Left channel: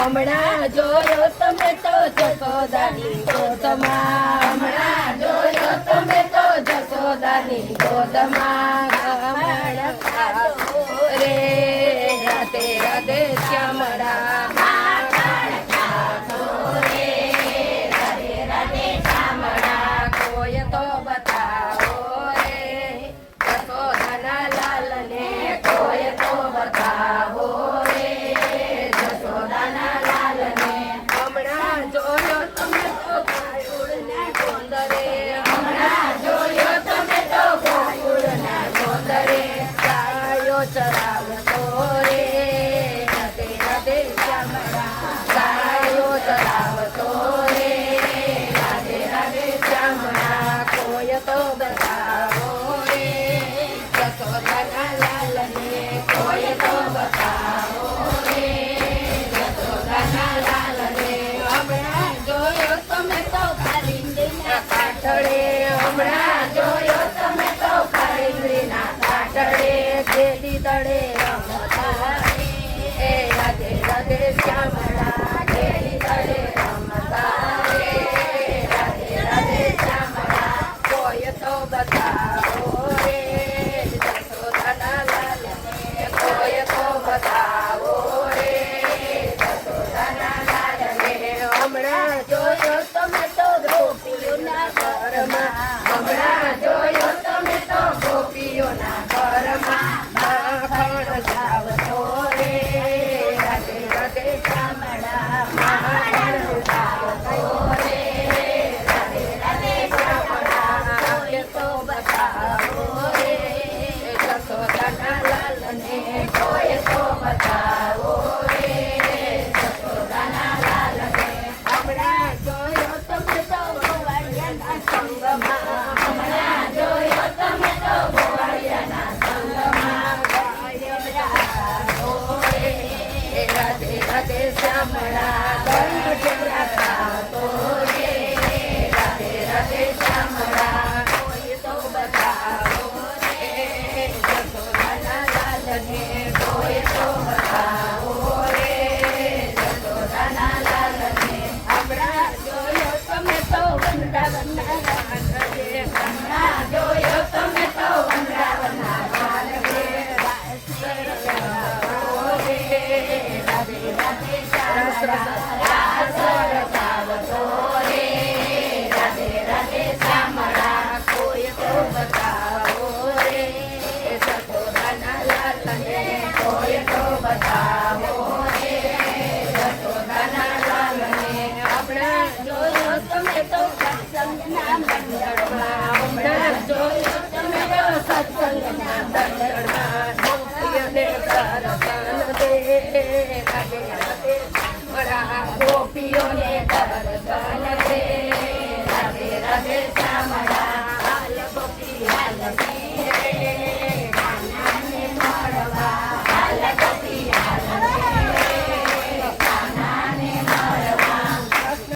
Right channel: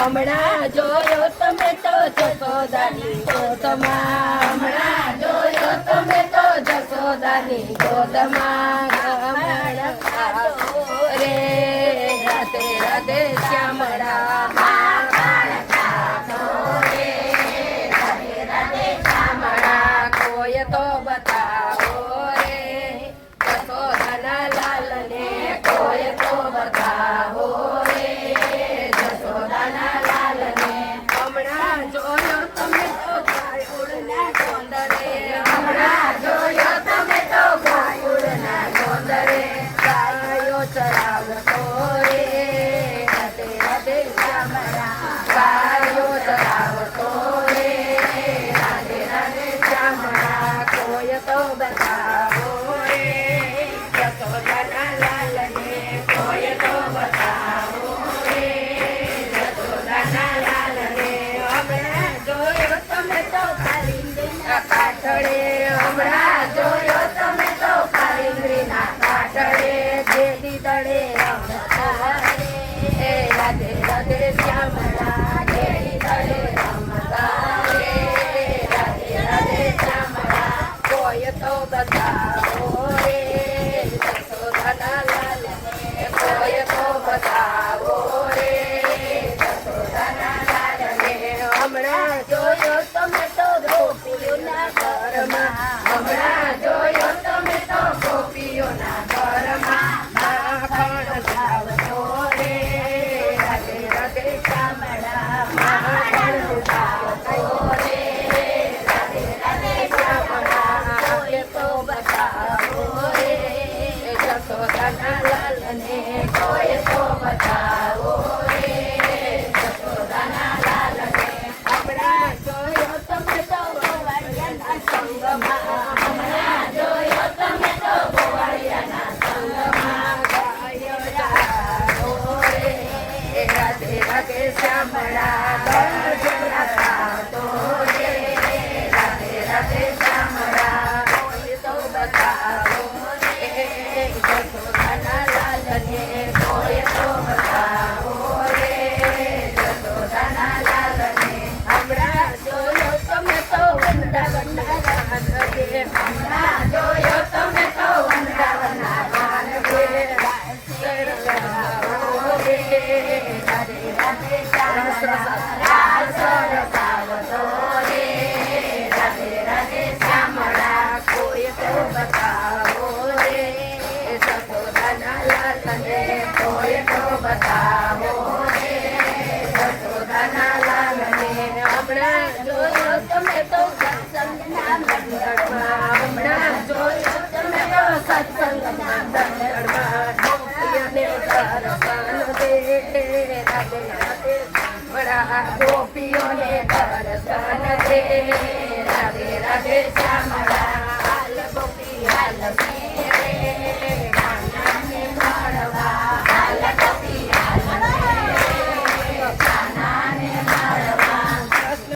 હમણાં જોયો તમે તો જશોદાની ગોદમાં હમણાં જોયો તમે તો જશોદાની ગોદમાં રે રાધે રાધે શ્યામળા તો બતાવો રે જશોદાના લાલને કોઈ તો બતાવો રે જશોદાના લાલને હમણાં જોયો તમે તો ગોકુળના ગોંદરે હમણાં જોયો તમે તો ગોકુળના ગોંદરે ગાયો ચરાવતો રે રાધે રાધે શ્યામળા ગાયો ચરાવતો રે રાધે રાધે શ્યામળા કોઈ તો બતાવો રે જશોદાના લાલને કોઈ તો બતાવો રે જશોદાના લાલને હમણાં જોયો તમે તો કાલિંદીના કાટડે હમણાં જોયો તમે તો કાલિંદીના કાટડે ઘેરી દડે રમતા રે રાધે રાધે શ્યામળા ઘેરી દડે રમતા રે રાધે રાધે શ્યામળા કોઈ તો બતાવો રે જશોદાના લાલને કોઈ તો બતાવો રે જશોદાના લાલને હમણાં જોયો તમે તો ગોપીઓના ઘરમાં હમણાં જોયો તમે તો ગોપીઓના ઘરમાં માખણ જાવતો રે રાધે રાધે શ્યામળા માખણ જાવતો રે રાધે રાધે શ્યામળા કોઈ તો બતાવો રે જશોદાના લાલને કોઈ તો બતાવો રે જશોદાના લાલને હમણાં જોયો તમે તો ગોવાળિયાના સંગમાં હમણાં જોયો તમે તો ગોવાળિયાના સંગમાં રાધે રાધે શ્યામળા દંડ જરાતો રે રાધે રાધે શ્યામળા કોઈ તો બતાવો રે જશોદાના લાલને કોઈ તો બતાવો રે જશોદાના લાલને હમણાં જોયો તમે તો વૃંદાવનના રાન રે હમણાં જોયો તમે તો વૃંદાવનના રાન રે રાધે રાધે રસાવતો રે રાધે રાધે શ્યામળા કોઈ તો બતાવો રે જશોદાના લાલને કોઈ તો બતાવો રે જશોદાના લાલને હમણાં જોયો તમે તો સત્સંગના મંડળમાં હમણાં જોયો તમે તો સત્સંગના મંડળમાં ગોપીઓને દર્શન દે રાધે રાધે શ્યામળા ગોપીઓને દર્શન દે રાધે રાધે શ્યામળા